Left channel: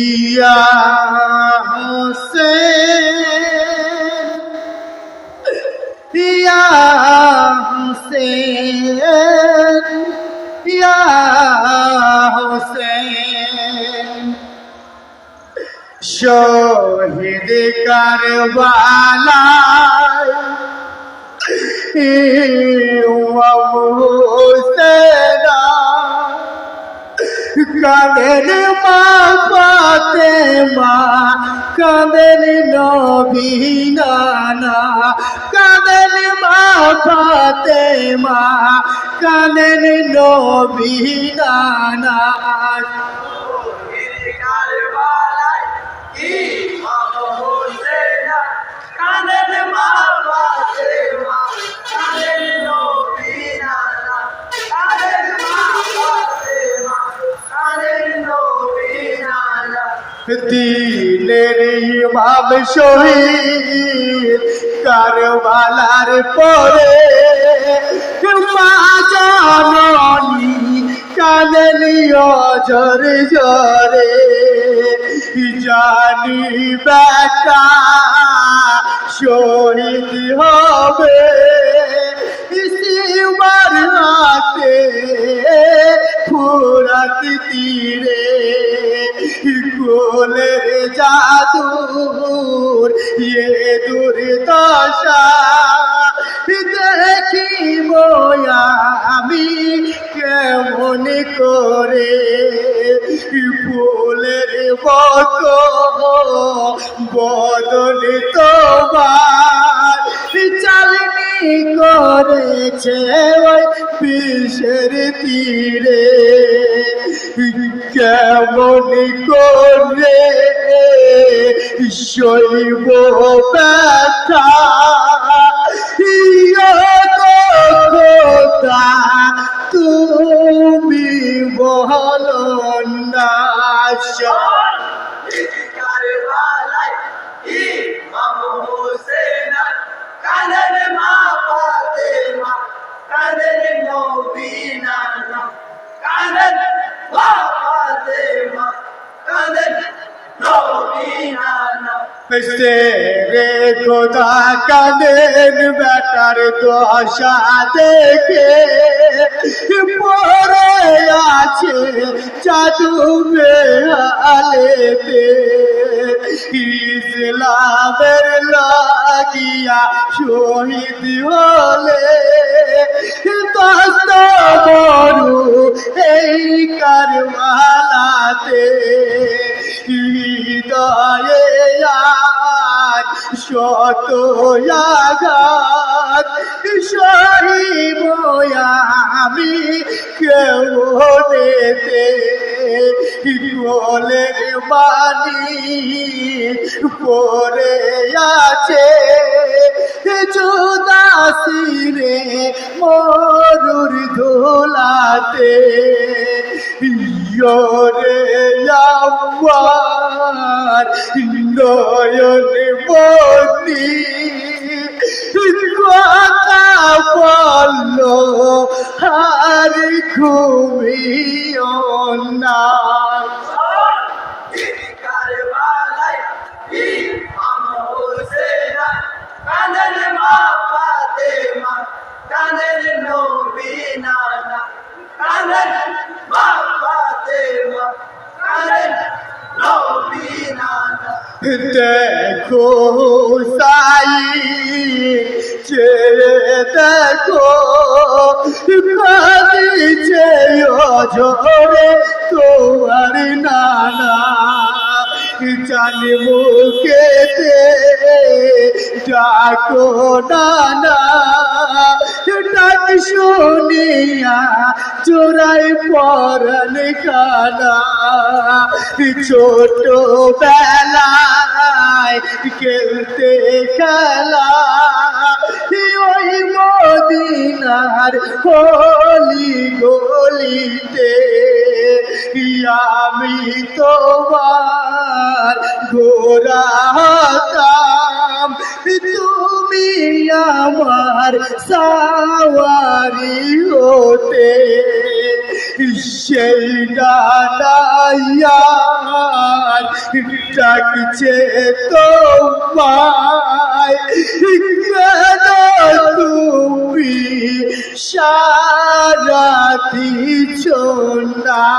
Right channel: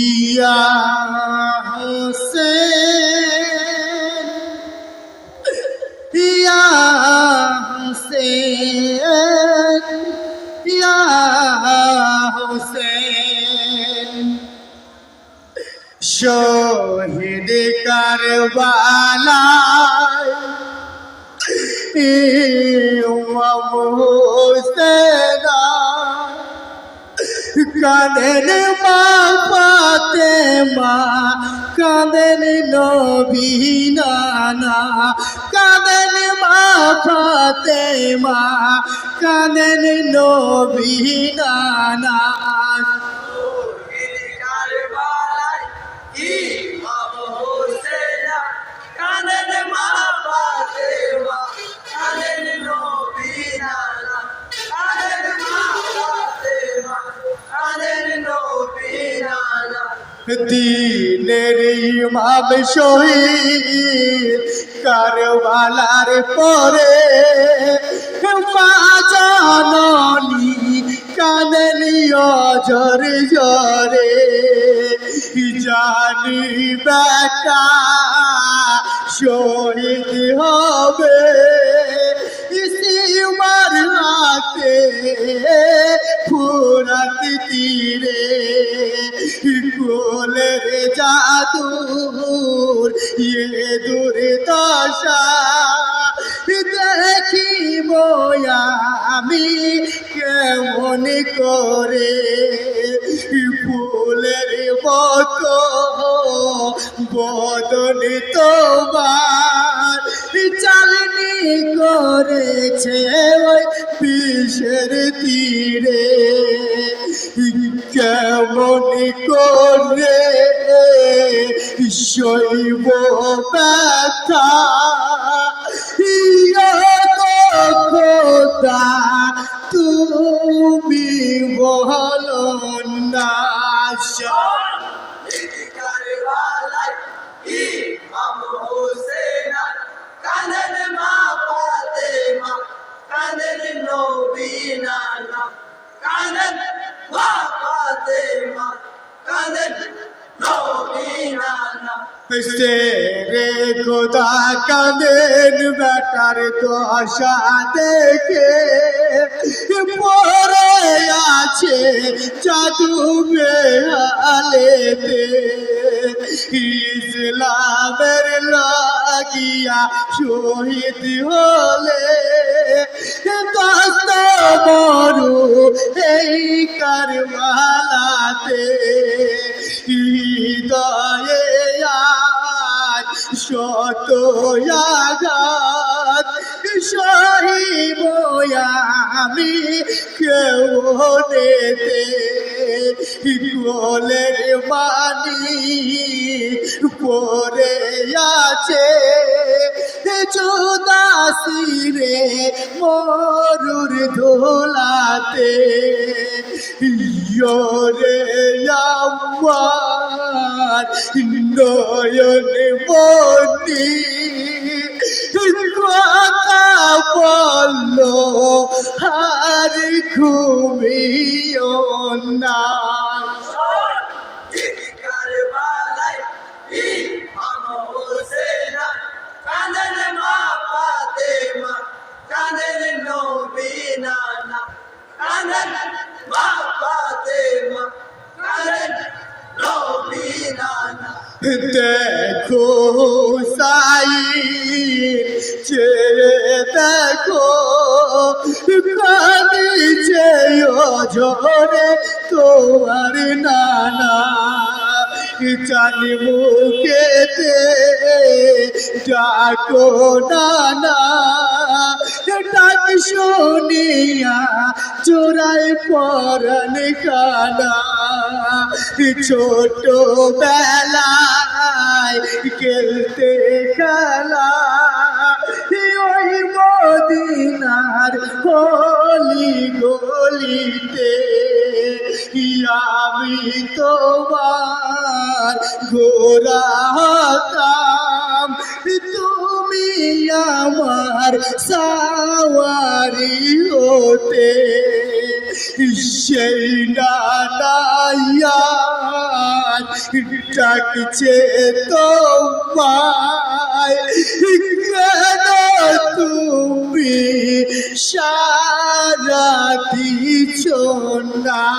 ইয়া হোসেন ইয়া হোসেন ইয়া হোসেন শহীদ কারবালায় ইমাম হোসেনা। কাঁদেন মা পাতে মা কাঁদেন নবী নানা কাঁদেন মা পাতে মা কাঁদেন নবী নানা। দিনের ইমাম শহীদ কারবালার পরে মা জাননী কাঁদেলি অজর জরে জানি বেটা শহীদ হবে ফুরাত তীরে। কোলের জাদুর ইয়ে দুর্দশা। দেখিব আমি কেমন করে ফুলের মতো বদন তোমার। চালনি করেছে বিষের তীরে। কেমন করে শৈব ব্যথা? কথা তুমি বলো না রে খোদা কাদের বেটার দশা দেখে। পরে আছে ইয়রে আমার নয়ন দেখো সাই ছেড়ে দেখো কাঁদিছে অঝরে তোমার নানা। জানি মুখেতে ডাকো নানা শুনিয়া চোরাই পরন কানা ছোট বেলায় খেলতে খেলা। ওই মদিনার হলি গলিতে আমি তোমার ঘোরা কাম তুমি আমার সাওয়ারি হতে সেই নানাইয়ার ডাকছে তোমায়। তুমি? সারা দিছ না।